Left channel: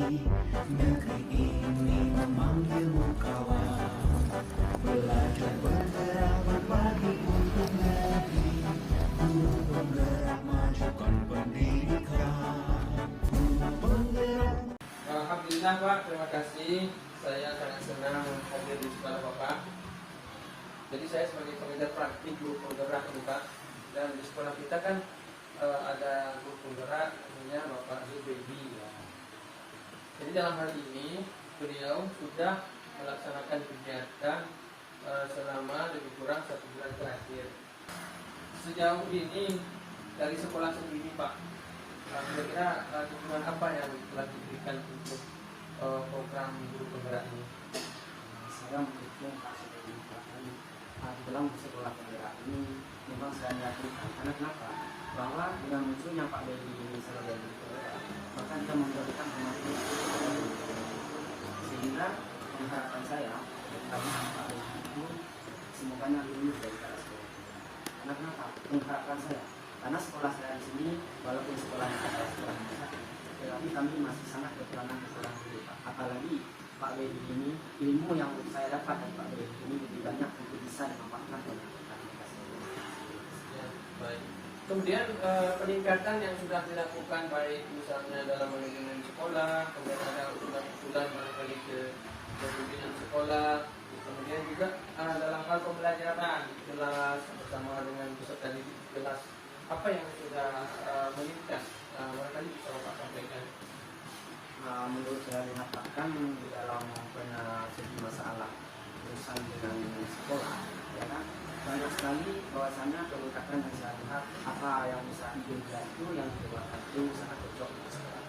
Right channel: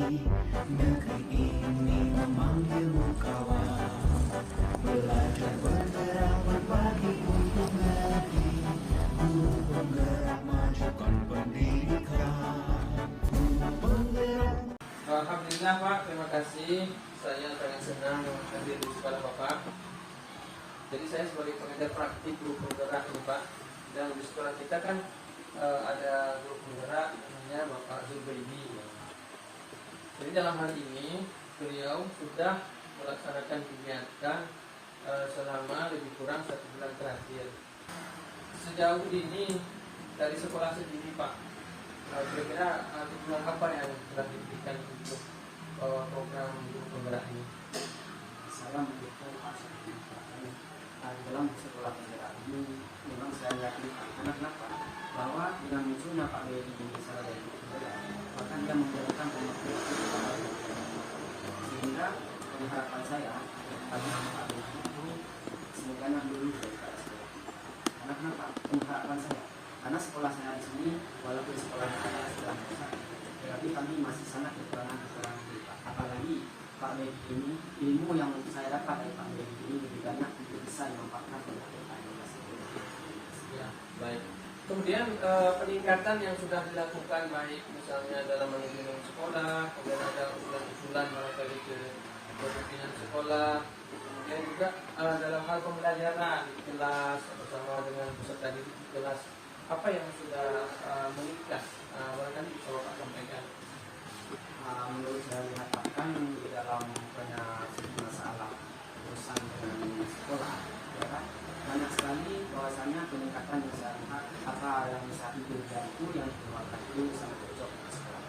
Negeri ini memanggilmu kawan, belajar bergerak berbagi untuk negeri. Guru penggerak majukan pendidikan. Guru penggerak. Alhamdulillah Pak, terima kasih. Saya sangat senang hadir di sekolah Bapak. Jadi saya sebagai pengajar praktik guru penggerak ini Pak. Dan di sekolah kita kan ada guru penggerak namanya Bapak Zubaidi. Jadi dalam hal ini beliau sudah melaksanakan kegiatan selama lebih kurang 1 bulan terakhir. Sejauh ini dari sekolah sendiri Pak, kira-kira dukungan apa yang telah diberikan untuk program guru penggerak ini? Saya mendukung dalam sekolah penggerak ini. Memang saya yakin karena kenapa? Bahwa dengan munculnya Pak Dedi ini sebagai guru penggerak, maka dia menjadikan pemateri sehingga harapan saya agar Pak Dedi itu semoga lulus dari sekolah. Karena kenapa? Harapan saya karena sekolah saya di sini walaupun sekolahnya adalah sekolah besar, tetapi kami masih sangat kekurangan dulu Pak. Apalagi Pak Dedi ini, ilmu yang saya dapat dari Pak Dedi ini lebih banyak untuk bisa dimanfaatkan oleh Ya, baik. Kemudian peningkatan yang sudah dilakukan baik misalnya dalam manajemen sekolah, kemudian ada usulan-usulan barangkali ke pimpinan sekolah, kemudian juga dalam hal pembelajaran di kelas bersama dengan peserta didik di kelas, apa yang sudah meningkat? Barangkali bisa Bapak sampaikan. Menurut saya lihatkan di dalam segi masalah urusan dengan sekolah, ya kan? Banyak sekali bahwasannya peningkatan yang saya lihat apa yang bisa diberikan itu yang dikeluarkan itu sangat cocok sekarang.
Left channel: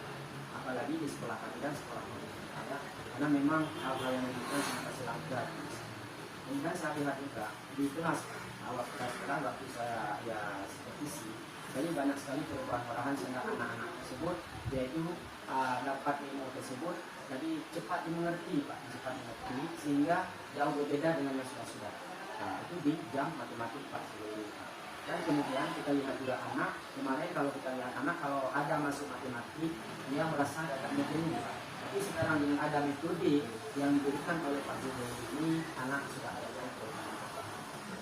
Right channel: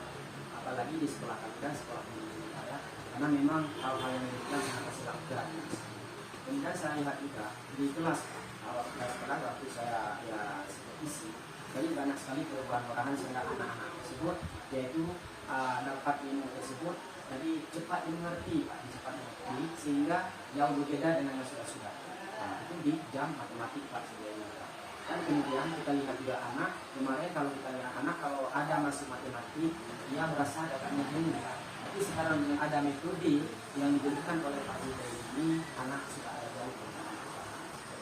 Apalagi di sekolah kami dan sekolah pemerintah ya, karena memang hal-hal yang diberikan sangat kasih agar. Kemudian saya lihat juga di kelas awal sekarang waktu saya ya supervisi, jadi banyak sekali perubahan sehingga anak-anak tersebut yaitu dapat ilmu tersebut jadi cepat dimengerti Pak, cepat mengerti sehingga jauh berbeda dengan yang sudah. Nah, itu di jam matematik Pak sebelumnya. Dan kemudian kita lihat juga anak, kemarin kalau kita lihat anak kalau ada masuk matematik dia merasa agak jenuh. Tapi sekarang dengan ada metode yang diberikan oleh Pak Guru ini, anak sudah ada yang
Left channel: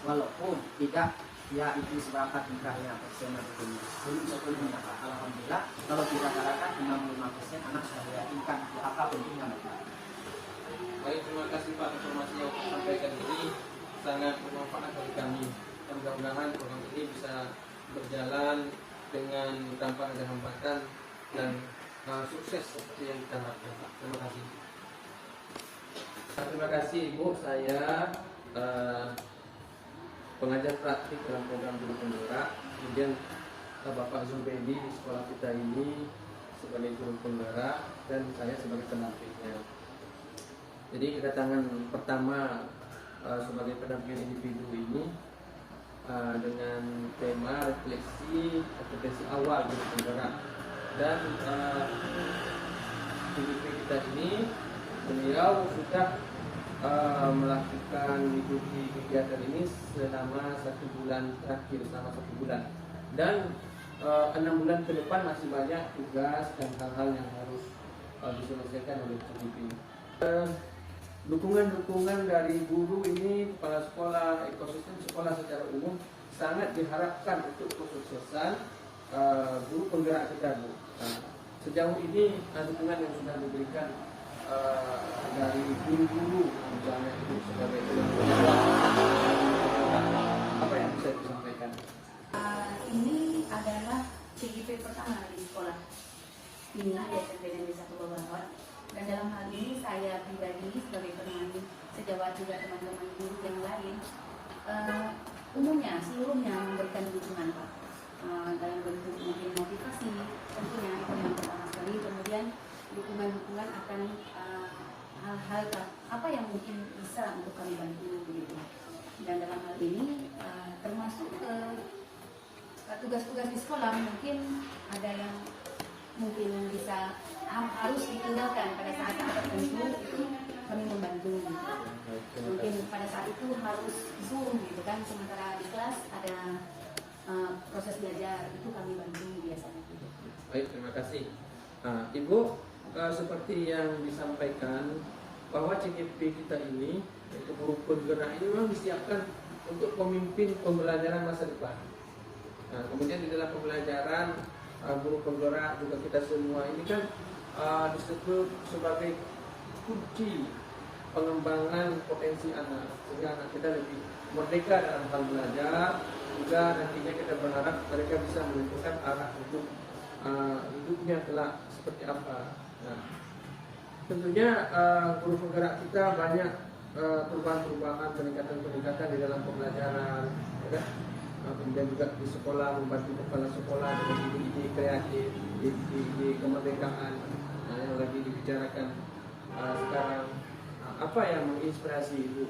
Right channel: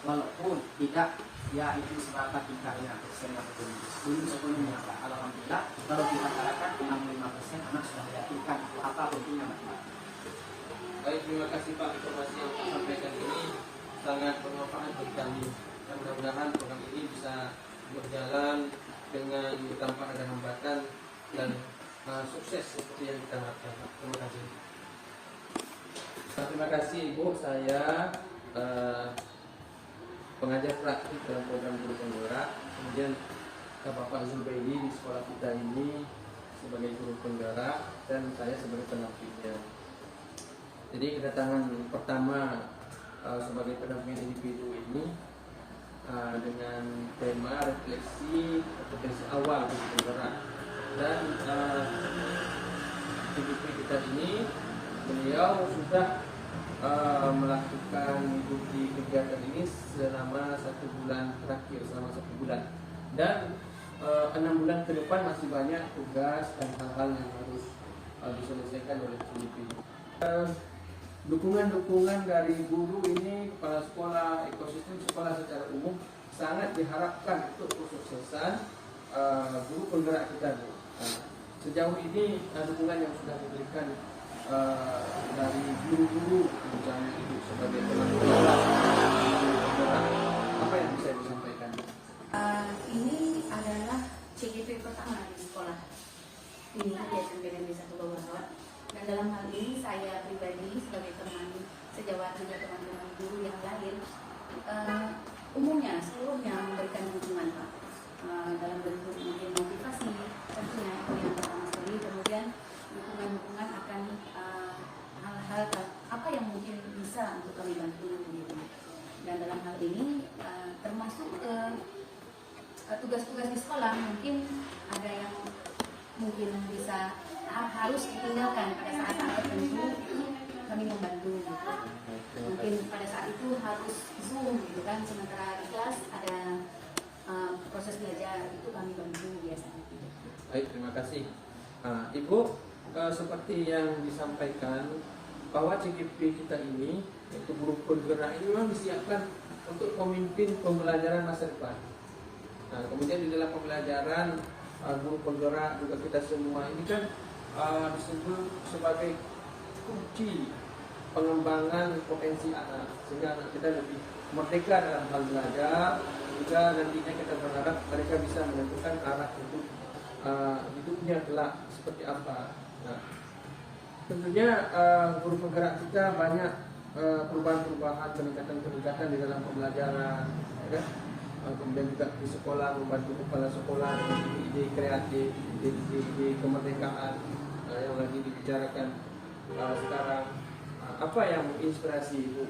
walaupun tidak ya itu seberapa tingkahnya persen atau belum sebelumnya Pak. Alhamdulillah kalau kita katakan 65% anak sudah meyakinkan apa untungnya matematik. Baik, terima kasih Pak, informasi yang Pak sampaikan ini sangat bermanfaat bagi kami. Dan mudah-mudahan program ini bisa berjalan dengan tanpa ada hambatan dan sukses seperti yang kita harapkan Pak. Terima kasih. Terima kasih Ibu. Saya pengajar praktik dalam program guru penggerak, kemudian Bapak Zubaidi di sekolah kita ini sebagai guru penggerak dan saya sebagai penampilnya. Jadi kedatangan pertama sebagai pendamping individu ini dengan tema refleksi kompetensi awal guru penggerak, dan individu kita ini beliau sudah melakukan mengikuti kegiatan ini selama 1 bulan terakhir, selama 1 bulan, dan 6 bulan ke depan masih banyak tugas dan hal-hal yang harus diselesaikan oleh individu. Dukungan-dukungan dari guru ini, kepala sekolah, ekosistem sekolah secara umum sangat diharapkan untuk kesuksesan guru penggerak kita. Sejauh ini dukungan yang sudah diberikan dari guru-guru misalnya itu sebagai pengajar, apa yang bisa disampaikan? Ini adalah CGV pertama di sekolah ini di SMP Negeri 1 Bawah. Dan dalam hal ini saya pribadi sebagai penemani sejawat juga teman-teman guru yang lain umumnya seluruhnya memberikan dukungan dalam bentuk mungkin motivasi tentunya itu yang pertama sekali, kemudian dukungan akan hal-hal apa yang mungkin bisa untuk kami bantu begitu. Dan dalam hal ini termasuk tugas-tugas di sekolah mungkin ada yang mungkin bisa harus ditinggalkan pada saat tertentu, itu kami membantu gitu. Mungkin pada saat itu harus Zoom gitu kan, sementara di kelas ada proses belajar, itu kami bantu biasanya. Baik, terima kasih. Ibu seperti yang disampaikan bahwa CGP kita ini untuk guru penggerak ini memang disiapkan untuk pemimpin pembelajaran masa depan. Nah, kemudian di dalam pembelajaran guru penggerak juga kita semua ini kan disebut sebagai kunci pengembangan potensi anak, sehingga anak kita lebih merdeka dalam hal belajar. Juga nantinya kita berharap mereka bisa menentukan arah untuk hidupnya kelak seperti apa. Nah, tentunya guru penggerak kita banyak perubahan-perubahan, peningkatan-peningkatan di dalam pembelajaran, ya kan? Kemudian juga di sekolah membantu kepala sekolah dengan ide-ide kreatif, ide-ide kemerdekaan yang lagi dibicarakan sekarang. Apa yang menginspirasi Ibu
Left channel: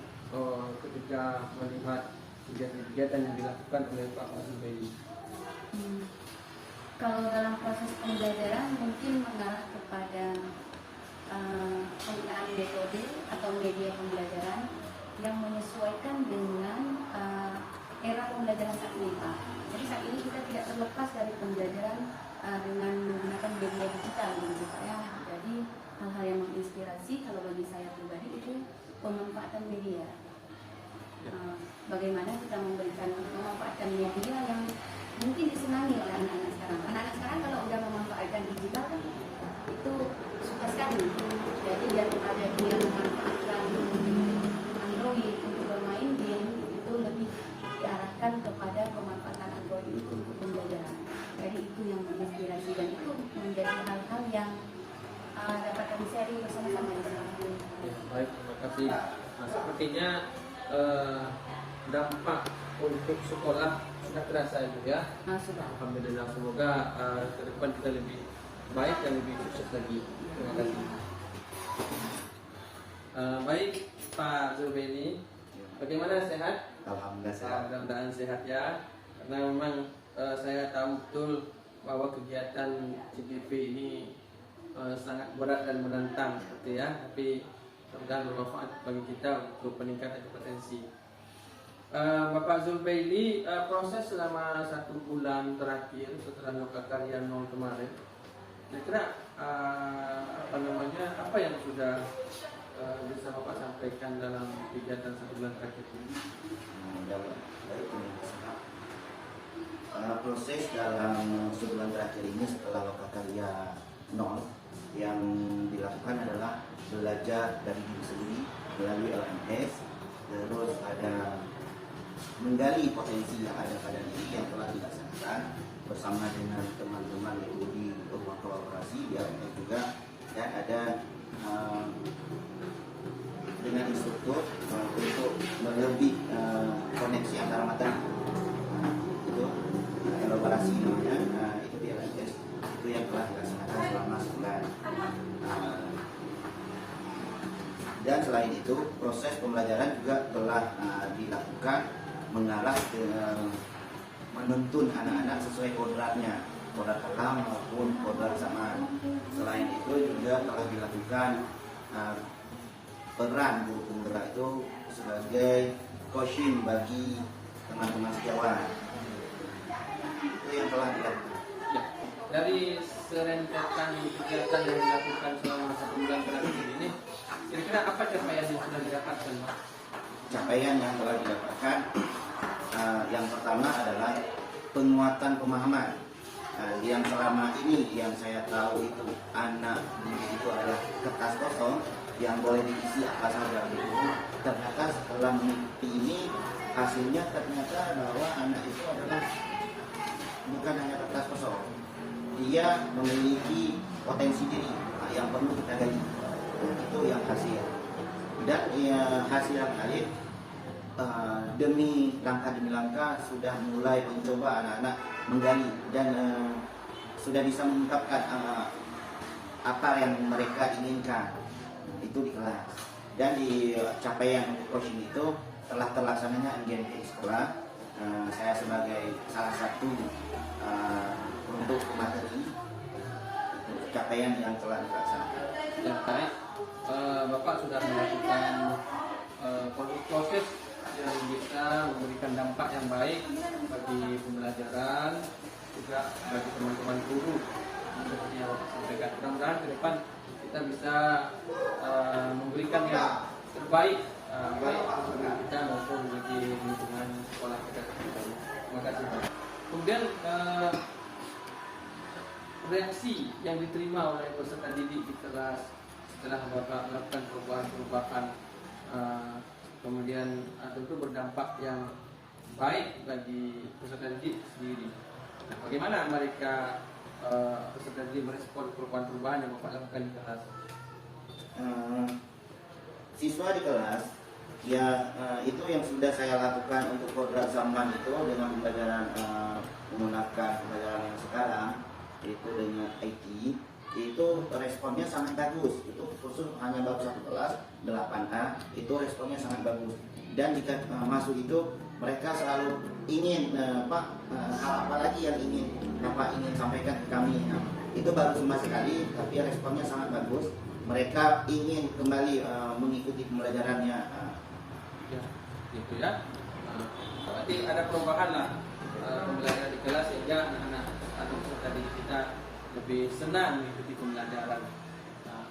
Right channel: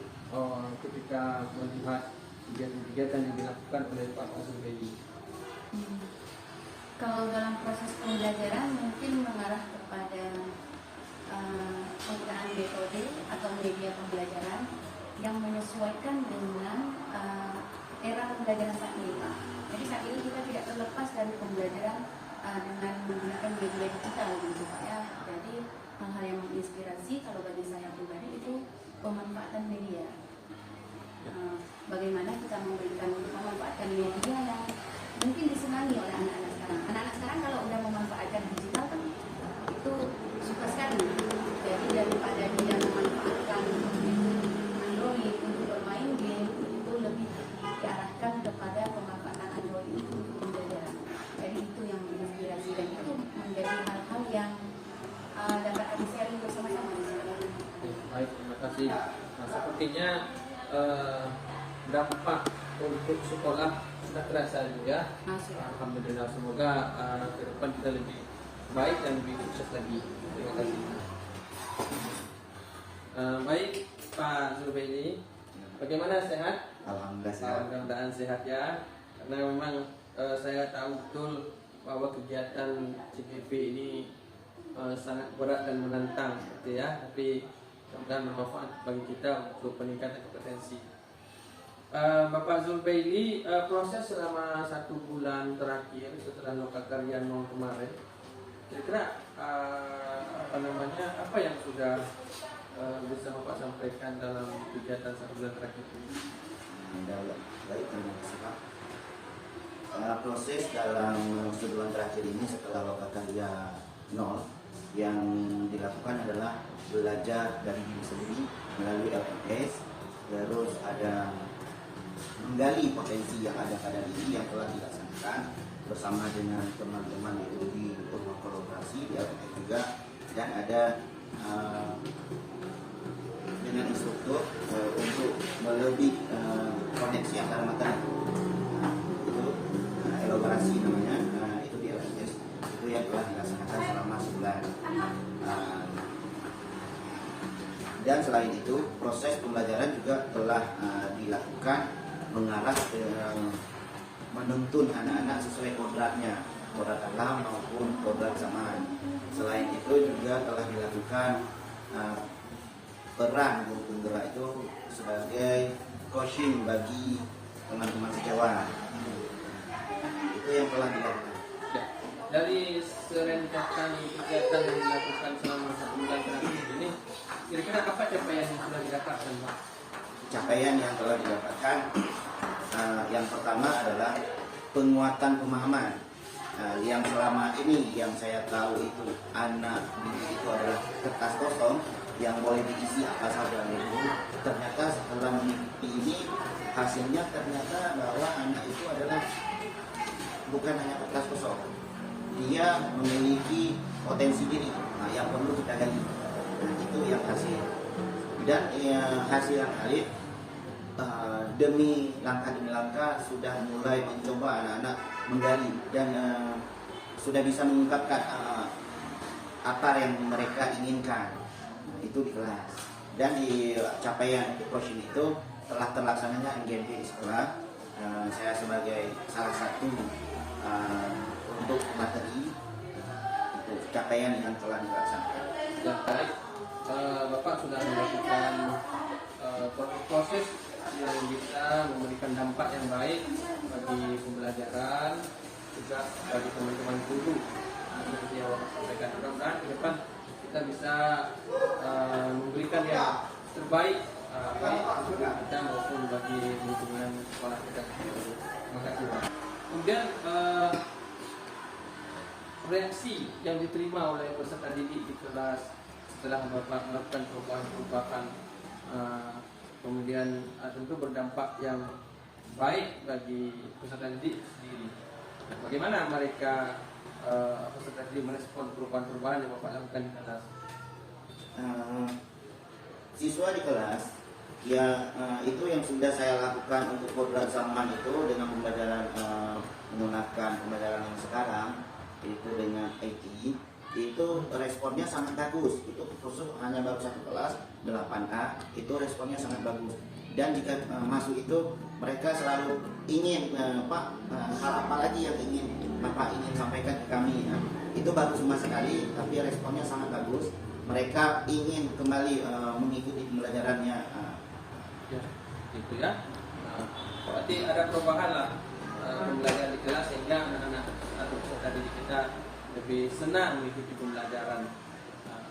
ketika melihat kegiatan-kegiatan yang dilakukan oleh Pak Zubaidi? Kalau dalam proses pembelajaran mungkin mengarah kepada penggunaan metode atau media pembelajaran yang menyesuaikan dengan era pembelajaran saat ini, Pak. Jadi saat ini kita tidak terlepas dari pembelajaran dengan menggunakan media digital, gitu ya. Jadi hal-hal yang menginspirasi kalau bagi saya pribadi itu pemanfaatan media. Bagaimana kita memanfaatkan media yang mungkin disenangi oleh anak-anak sekarang. Anak-anak sekarang kalau udah memanfaatkan digital kan itu suka sekali. Jadi daripada dia memanfaatkan Android untuk bermain game, itu lebih diarahkan kepada pemanfaatan Android itu untuk pembelajaran. Jadi itu yang menginspirasi dan itu menjadi hal-hal yang dapat kami sharing bersama-sama di sini. Baik, terima kasih. Nah, sepertinya dampak untuk sekolah sudah terasa juga. Alhamdulillah, semoga ke depan kita lebih baik dan lebih sukses lagi. Terima kasih. Baik, Pak Zubaidi, bagaimana, sehat? Alhamdulillah sehat. Mudah-mudahan sehat ya. Karena memang saya tahu betul bahwa kegiatan CGP ini sangat berat dan menantang, gitu ya. Tapi mudah-mudahan bermanfaat bagi kita untuk peningkatan kompetensi. Bapak Zubaidi, proses selama 1 bulan terakhir setelah Lokakarya 0 kemarin, kira-kira apa yang sudah bisa Bapak sampaikan dalam kegiatan 1 bulan terakhir ini? Baik, proses dalam sebulan terakhir ini setelah Lokakarya 0 yang dilakukan adalah belajar dari diri sendiri melalui LMS, terus ada menggali potensi yang ada pada diri yang telah dilaksanakan bersama dengan teman-teman di ruang kolaborasi di LMS juga, dan ada dengan instruktur untuk lebih koneksi antara materi itu elaborasi namanya, itu di LMS itu yang telah dilaksanakan selama sebulan. Dan selain itu proses pembelajaran juga telah dilakukan mengarah ke menuntun anak-anak sesuai kodratnya, kodrat alam maupun kodrat zaman. Selain itu juga telah dilakukan peran guru penggerak itu sebagai coaching bagi teman-teman sejawat. Itu yang telah dilakukan. Ya, dari serentetan kegiatan yang dilakukan selama 1 bulan terakhir ini, kira-kira apa capaian yang sudah didapatkan? Capaian yang telah didapatkan, yang pertama adalah penguatan pemahaman. Yang selama ini yang saya tahu itu anak itu adalah kertas kosong yang boleh diisi apa saja. Ternyata setelah mengikuti ini hasilnya ternyata bahwa anak itu adalah bukan hanya kertas kosong, dia memiliki potensi diri yang perlu kita gali. Itu yang hasil. Dan hasil yang kali demi langkah sudah mulai mencoba anak-anak menggali dan sudah bisa mengungkapkan apa yang mereka inginkan itu di kelas. Dan di capaian coaching itu telah terlaksananya NGMP di sekolah. Saya sebagai salah satu untuk materi itu capaian yang telah dilaksanakan. Ya, baik. Bapak sudah melakukan proses yang bisa memberikan dampak yang baik bagi pembelajaran, juga bagi teman-teman guru sudah beliau sampaikan. Mudah-mudahan ke depan kita bisa memberikan yang terbaik baik untuk kita maupun bagi lingkungan sekolah kita. Terima kasih Pak. Kemudian reaksi yang diterima oleh peserta didik di kelas setelah Bapak melakukan perubahan kemudian tentu berdampak yang baik bagi peserta didik sendiri. Bagaimana mereka peserta didik merespon perubahan-perubahan yang Bapak lakukan di kelas? Siswa di kelas ya itu yang sudah saya lakukan untuk beberapa zaman itu dengan pembelajaran menggunakan pembelajaran yang sekarang itu dengan IT itu responnya sangat bagus. Itu khusus hanya baru satu kelas 8A itu responnya sangat bagus. Dan jika masuk itu mereka selalu ingin hal apa lagi yang ingin Bapak ingin sampaikan ke kami ya. Itu baru cuma sekali tapi responnya sangat bagus. Mereka ingin kembali mengikuti pembelajarannya. Ya, gitu ya. Berarti ada perubahan lah pembelajaran di kelas sehingga anak-anak atau peserta didik kita lebih senang mengikuti pembelajaran.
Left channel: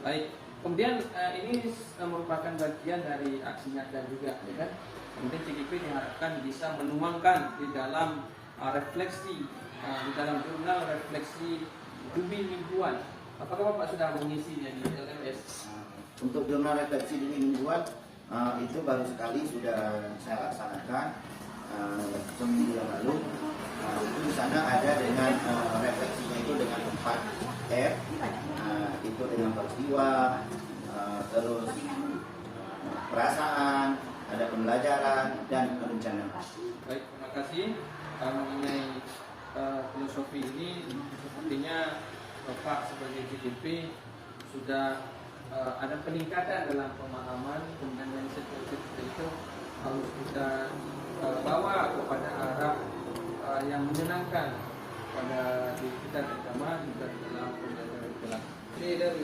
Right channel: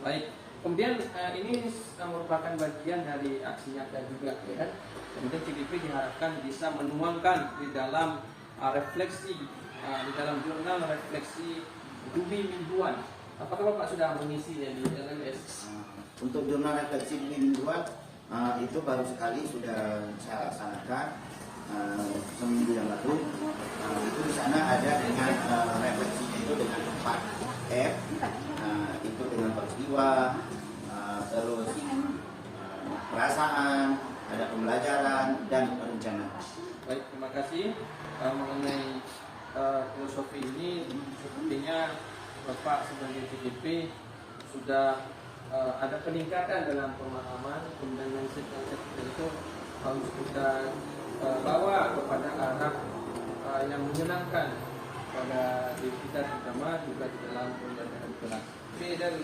Baik. Kemudian ini merupakan bagian dari aksi nyata juga, ya kan? Kemudian CGP diharapkan bisa menuangkan di dalam refleksi, di dalam jurnal refleksi Dumi mingguan. Apakah Bapak sudah mengisinya di LMS? Untuk jurnal refleksi Dumi mingguan itu baru sekali sudah saya laksanakan seminggu yang lalu. Itu di sana ada dengan refleksinya itu dengan 4 F, itu dengan peristiwa, terus perasaan, ada pembelajaran dan rencana. Baik, terima kasih. Mengenai filosofi ini sepertinya Bapak sebagai CGP sudah ada peningkatan dalam pemahaman, kemudian dari konsep itu harus kita bawa kepada arah yang menyenangkan pada diri kita, terutama juga di dalam pembelajaran kelas. Oke, dan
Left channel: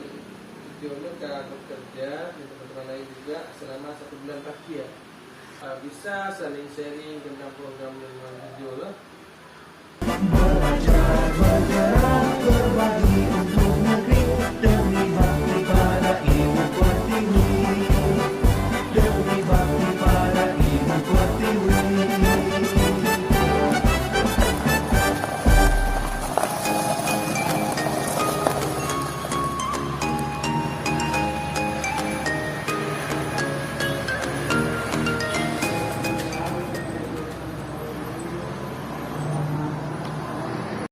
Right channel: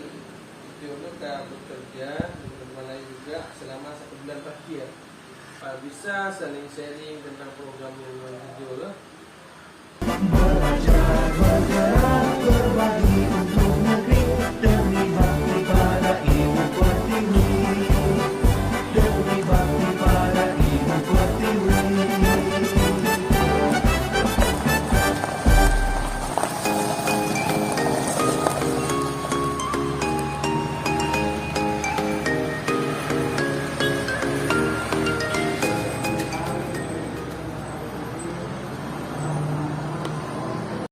Jono sudah bekerja dan teman-teman lain juga selama 1 bulan terakhir. Bisa saling sharing tentang program yang non-video